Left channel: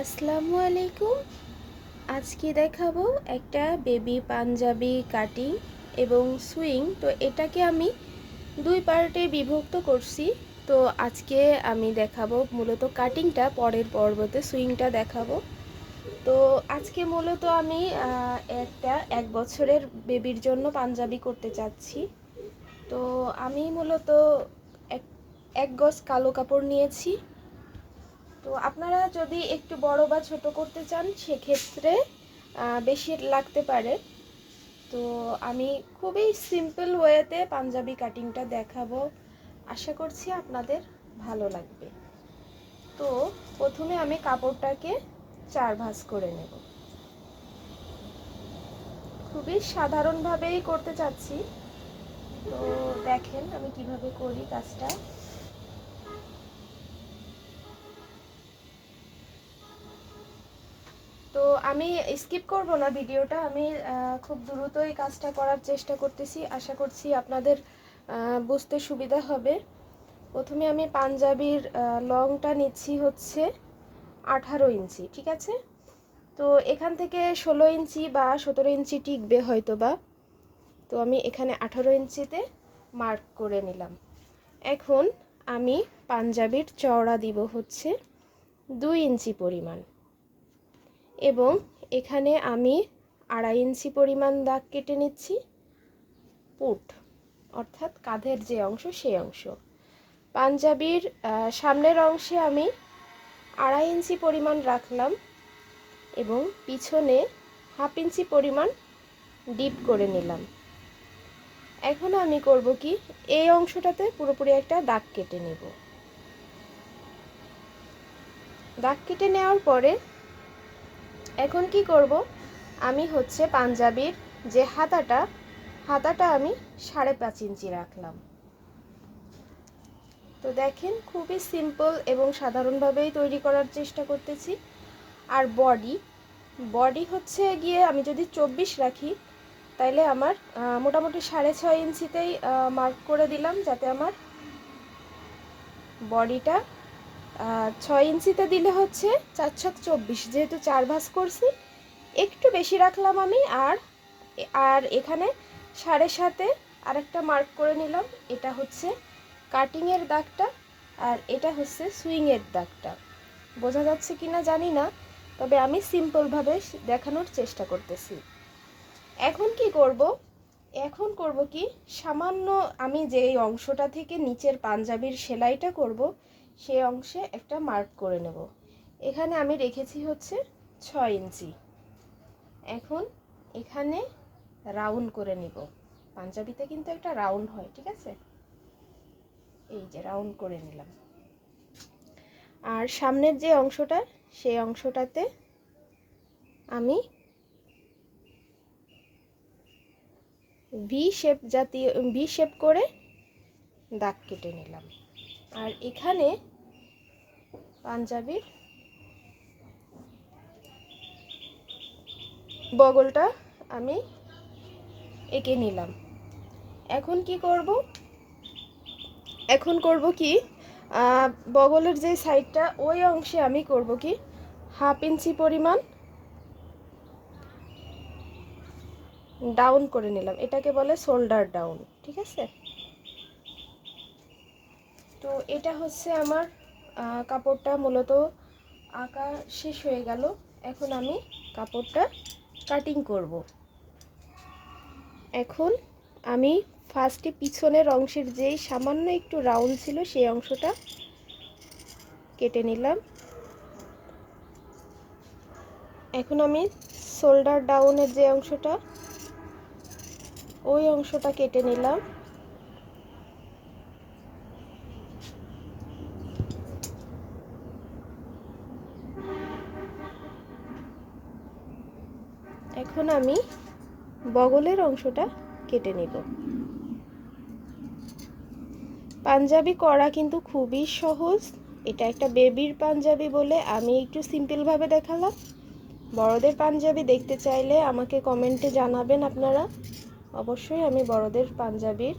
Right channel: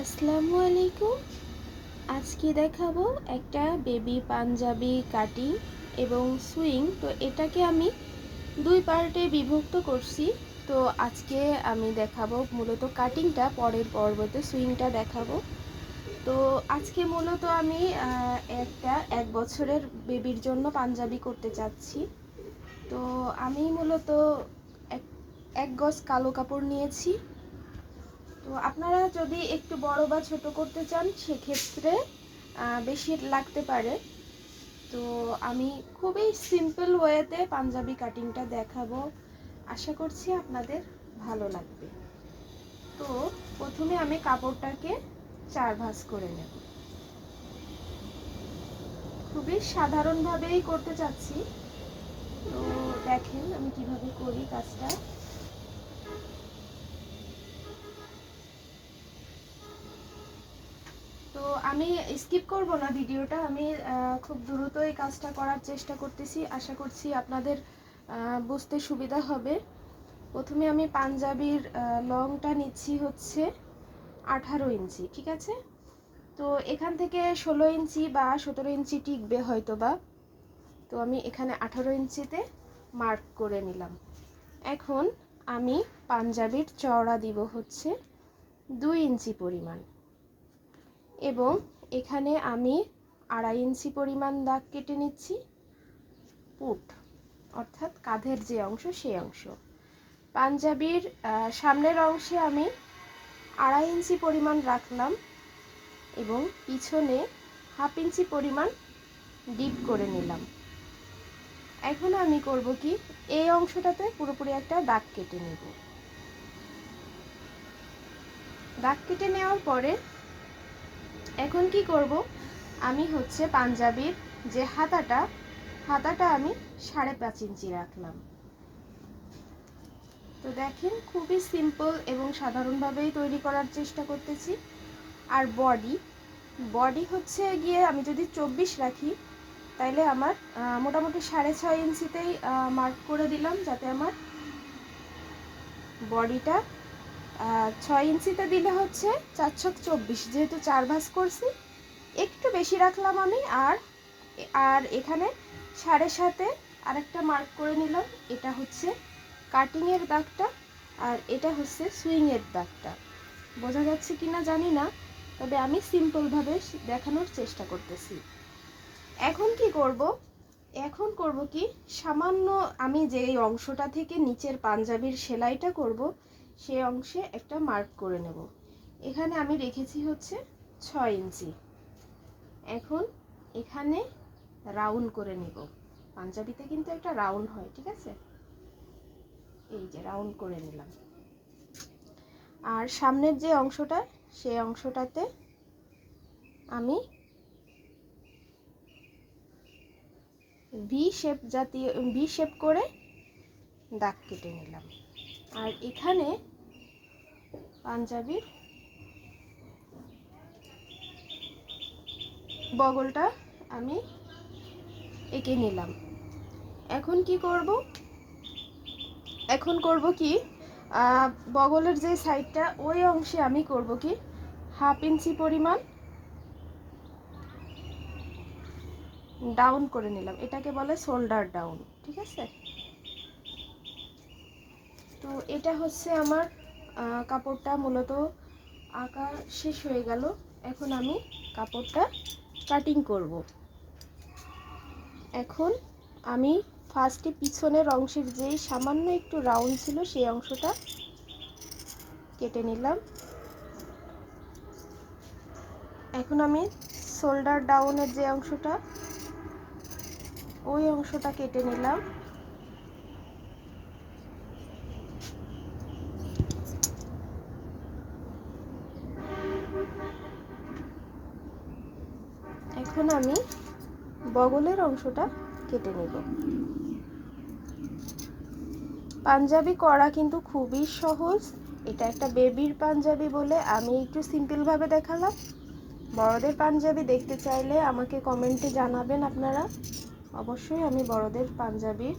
আসসালামু আলাইকুম। আজকে দেখাবো একটা বেবি পাঞ্জাবি কাটিং এবং সুইং। তো এটাকে আমি দুই পার্টে বিভক্ত করছি। তো আজকে আমি দেখাবো মূলত কাটিংটা, পরের পর্বতে সুইংটা দেখাবো। তো আজকে মূলত আমি একটা 1 বছরের বেবির জন্য পাঞ্জাবি করতে চাচ্ছি। তো আমি মূলত এক গজ কালো কাপড় নিয়েছি। তো আপনারা যদি একটু বড় বা ছোট করতে চান সেক্ষেত্রে বেশি লাগতে পারে। তো আমি খুবই সিম্পল ওয়েতে পাঞ্জাবি কাটিংটা দেখাবো, আশা করছি আপনাদের ভালো লাগবে। তো প্রথমে আমি কাপড়টাকে 4 ভাঁজ করে নেব। খুবই সাধারণভাবেই করতে চাচ্ছি। তো দেখেন আমি কিভাবে করি কাজটা। তো আমি স্কিপ করব না ভিডিওটা, আমি খুব দ্রুতই কাজটা করার চেষ্টা করতেছি, আশা করছি আপনাদের বুঝতে সুবিধা হবে। প্রথমে আমি পাঞ্জাবির লংটা নিচ্ছি হচ্ছে 18 ইঞ্চি, ঠিক আছে। তো এখান থেকে 16 ইঞ্চি বা 17 ইঞ্চি টিকবে হয়তো বা। তো আমি এখানে 18 ইঞ্চিতে মার্ক করে নিলাম। এখন আমি পাঞ্জাবির চওড়া দিব হচ্ছে 2 ইঞ্চি পরিমাণ, এবং এখানে আমি 2.5 ইঞ্চি পরিমাণ দাগ কেটে নিচ্ছি পুট, অর্থাৎ কাঁধের যে অংশ সেই অংশ। পাঞ্জাবির সামনের অংশে আমি 2.5 ইঞ্চি পরিমাণ রাখলাম এবং পিছনে 1/2 ইঞ্চি পরিমাণ ডিপ করে নিলাম। এখন আমি করব কি, এই অংশটাতে পুরোপুরি একটা দাগ কেটে নেব। দাগ কেটে নেওয়ার পরে এখন কি করব, আমি হচ্ছে পাঞ্জাবির যে হাতাটা আমি 5.5 ইঞ্চি রাখলাম। তো দেখেন খুবই সিম্পল এবং সাধারণভাবেই তৈরি করার চেষ্টা করতেছি। আর বডি হচ্ছে গিয়ে আমি যদি 24 রাখি তাইলে আমার মোটামুটি 6.5 ইঞ্চিতেই মার্ক করে দিলাম, যাতে আমার বডিটা 6 ইঞ্চিতে দিলে হচ্ছে 4 ছক 24, যেহেতু 4 ভাঁজ করছি একটু বেশি রাখলাম আমি। আর এখানে 7.5-এ আরেকটা মার্ক করে নিলাম। এটা হচ্ছে কাটিংয়ের দাগটা আর এটা হচ্ছে সুইংয়ের দাগটা। বোঝা যাচ্ছে কিনা জানি না, তবে আমি সিম্পলভাবে দেখানোর চেষ্টা করতেছি। এখন করব কি, সামান্য আমি যে অংশটা থেকে নিচের পাঞ্জাবির সেলাইটা করব সেই অংশে একটা মার্ক করে নেব। এখানে আমি রেখেছি হচ্ছে 6 ইঞ্চি। এখন এখানে রাউন্ড করে নিব। পাঞ্জাবিতে কিন্তু একটা রাউন্ড হয়, ঠিক আছে। এই যে রাউন্ড করে নিলাম। আর সামনের যে অংশটা সেই অংশটাতে আমি ভি শেপ করে দাগ কেটে নিলাম। আর এখানে পাঞ্জাবির বগলটা আমি এঁকে নিলাম। এখন করব কি, বগলের যে সাইডটা ওই অংশে আমি করব কি 1/2 ইঞ্চি পরিমাণ ডাউন করে নিলাম। এটাকে বলে শোল্ডার ডাউন, ঠিক আছে। তো এটা হচ্ছে আমার কাপড়টা মূলত আঁকা শেষ হয়ে গেল। এখন আমি কাপড়টা কাটিং করব। এখন আমি ফার্স্টে পিছনের অংশের যেই সামান্য একটু রাউন্ড ছিল সেই অংশটা কেটে নিলাম। এখন আমি শোল্ডার ডাউনের যে অংশটা ওই অংশটা কেটে নিলাম। এখন আমি বগলের অংশটা কেটে নেব। পাঞ্জাবি করা কিন্তু খুবই সহজ। এটা একটা বেবির পাঞ্জাবি বলে আমি একটু সিম্পলভাবে দেখালাম। বড়দের পাঞ্জাবি দেখতে চাইলে আমাকে কমেন্টে জানাবেন আপনারা। অবশ্যই আমি বড়দের পাঞ্জাবির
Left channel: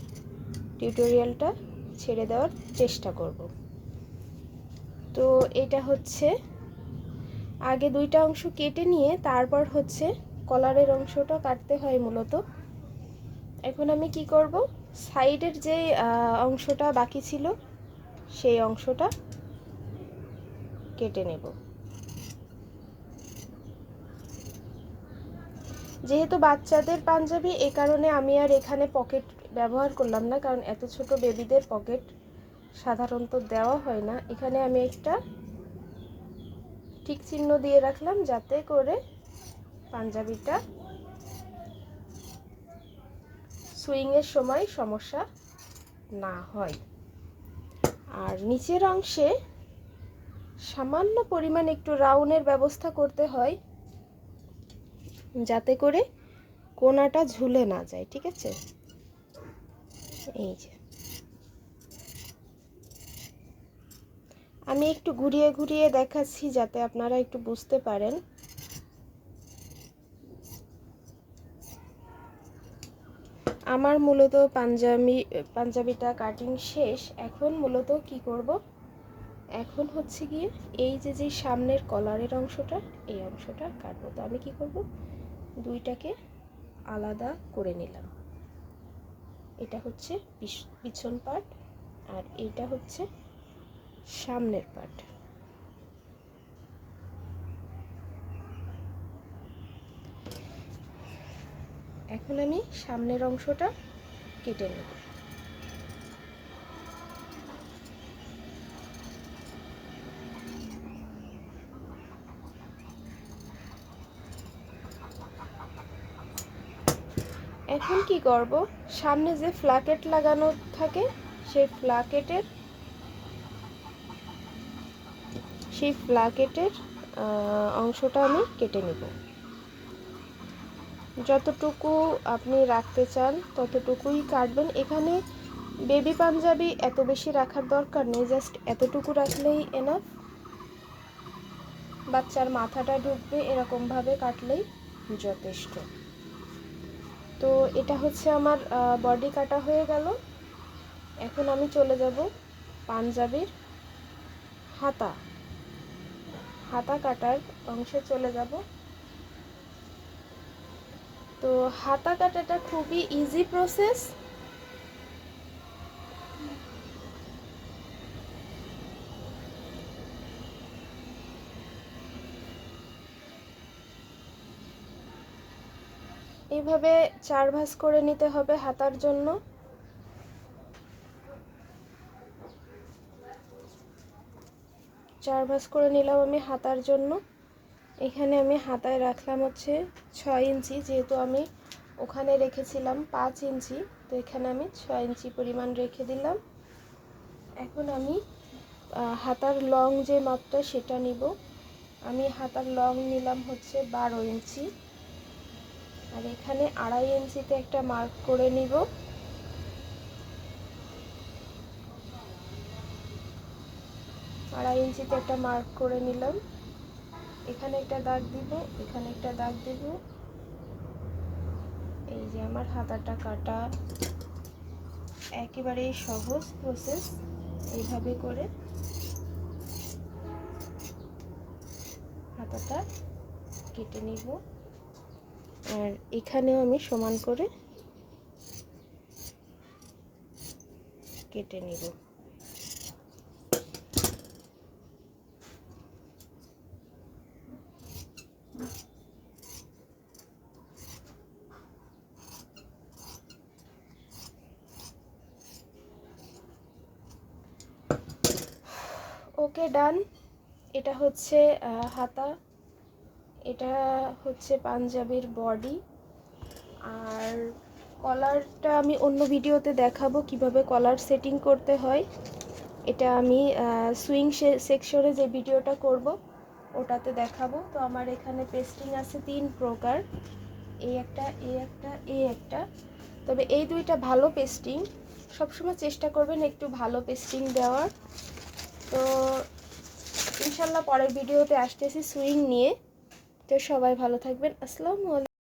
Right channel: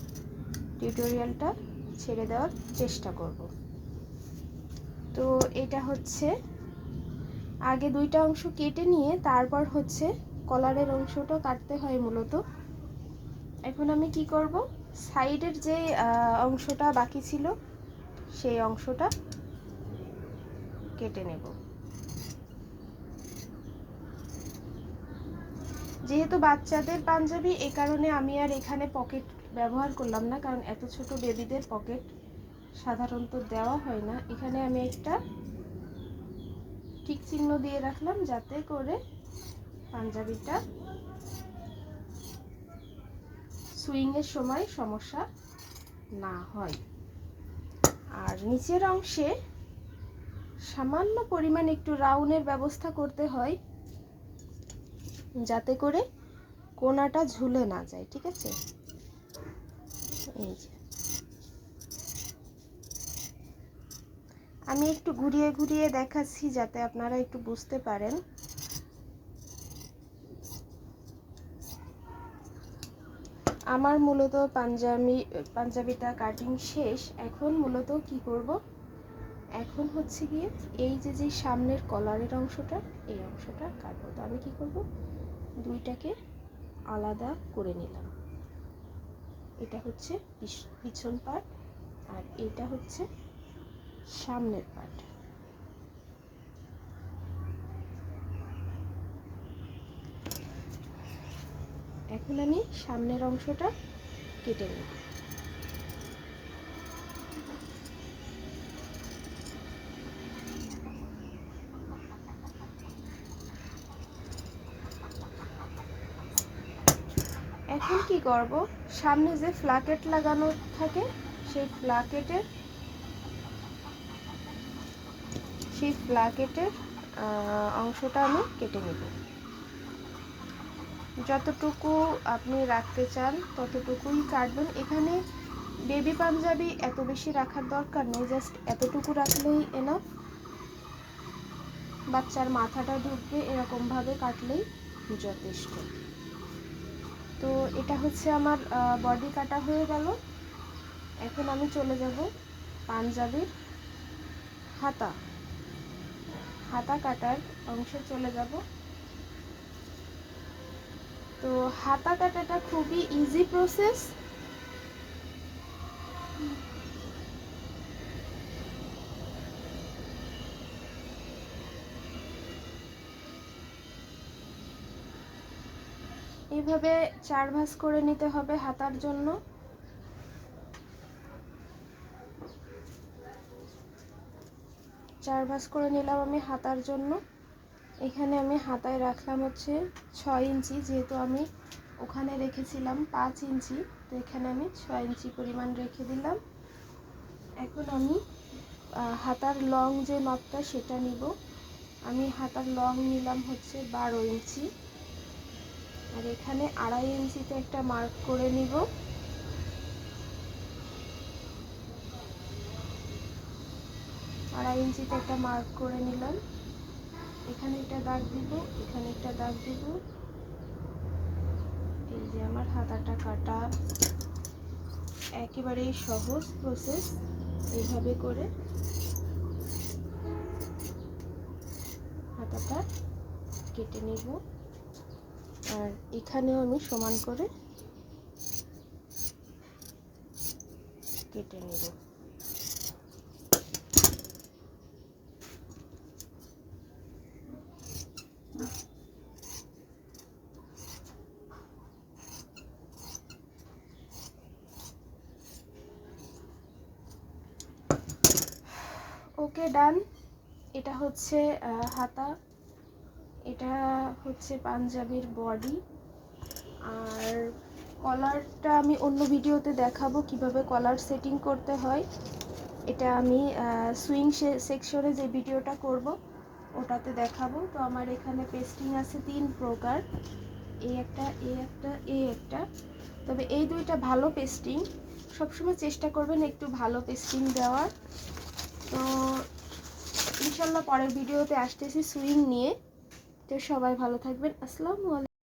টিউটোরিয়ালটা ছেড়ে দেওয়ার চেষ্টা করব। তো এটা হচ্ছে আগে দুইটা অংশ কেটে নিয়ে তারপর হচ্ছে কলারের অংশটা কাটতে হয় মূলত। এখন আমি কি করব, সাইডের যে অংশটা বাকি ছিল সেই অংশটা কেটে নেব। যেহেতু বাচ্চাদের পাঞ্জাবি, এই কারণে আমি আর এখানে পকেট ব্যবহার করলাম না, কারণ এত ছোট বেবিদের পকেট সাধারণত দেওয়া হয় না। এখানে আমি একটা ঠিক চিহ্ন দিয়ে রাখলাম যাতে করে পাঞ্জাবিটা সুইংয়ের সময় সমস্যা না হয়। আর নিচের অংশে সামান্য পরিমাণ একটু রাউন্ডের ব্যবস্থা করতে হয় যাতে করে কোনাটা ঝুলে না যায়, ঠিক আছে? এই যে আমি একটু ঘুরিয়ে ঘুরিয়ে দেখাচ্ছি যাতে আপনারা একটু বুঝতে পারেন। আমার মূলত পাঞ্জাবিটা কাটিং শেষ। এখন মূলত কি করব, এখন হচ্ছে গিয়ে এই যে সামনের কলারের অংশটা, এই অংশটা কাটবো। তো আমি কি করব, দুইটাকে আলাদা করে নিলাম। এটা হচ্ছে পিছন পার্ট আর এটা হচ্ছে সামনের পার্ট। এখন আমি সামনের অংশটা কেটে নেব। এখন কি করব, সামনে যে ফ্ল্যাকেট লাগানো থাকে সেই ফ্ল্যাকেটের অংশটা আমি কেটে নেব। যতটুকু আপনি রাখতে চান ততটুকুই কাটবেন। এখানে বেবি পাঞ্জাবি এত বেশি রাখার দরকার নেই, জাস্ট এতটুকু রাখলেই এনাফ। বাচ্চার মাথাটা ঢুকবে এরকমভাবে কাটলেই যথেষ্ট। তো এটা হচ্ছে আমার বডি কাটা হয়ে গেল। এখন আমি চলে যাব পাঞ্জাবির হাতা কাটার অংশে চলে যাব। তো হাতা কাটাটা খুবই ইজি প্রসেস। এইভাবে 4 ভাঁজ করে নিতে হবে হাতার জন্য। চার ভাঁজ করে নিলাম আমি হাতার জন্য। এখানে আমি হাতায় রাখলাম হচ্ছে 6 ইঞ্চি, যেহেতু আমি ওখানে রেখেছিলাম 5 ইঞ্চি, তো এখানে আমি 6 ইঞ্চি পরিমাণ রেখে দিলাম। এখন আমি হাতার লং যে মাপটা সেটা নিব। আমি হাতার লং নিলাম হচ্ছে 12 ইঞ্চি, আর এখানে 2.5 ইঞ্চিতে একটা মার্ক করে নিব। আড়াই ইঞ্চিতে একটা মার্ক করে নিলাম। এখানে একটা দাগ দিব, এখানে একটা দাগ দিব। এই যে আমার হাতাটা কাটা একেবারে সহজ প্রসেস। এইভাবে করে হাতাটা কেটে নিব, আর এখানেও আমি সমান করে কেটে নিব। ওকে, ডান। এটা হচ্ছে হাতা, এটা হচ্ছে পাঞ্জাবির বডি। আর কলারটা আমি অন্য ভিডিওতে দেখাবো কিভাবে কলার সেটিং করতে হয়। এটা আমি সুইং সেকশনে যে ভিডিওটা করব ওটাতে দেখাবো। তো আমার এখানে পেস্টিং আছে 3 প্রকার, এই একটা, এই একটা, এই একটা। তবে এই দুইটা ভালো পেস্টিং, সবসময় চেষ্টা করবেন একটু ভালো পেস্টিং দেওয়ার। তো ইনশাল্লাহ পরের ভিডিওতে আসতেছি সুইং নিয়ে। তো সবাই ভালো থাকবেন। আসসালামু আলাইকুম।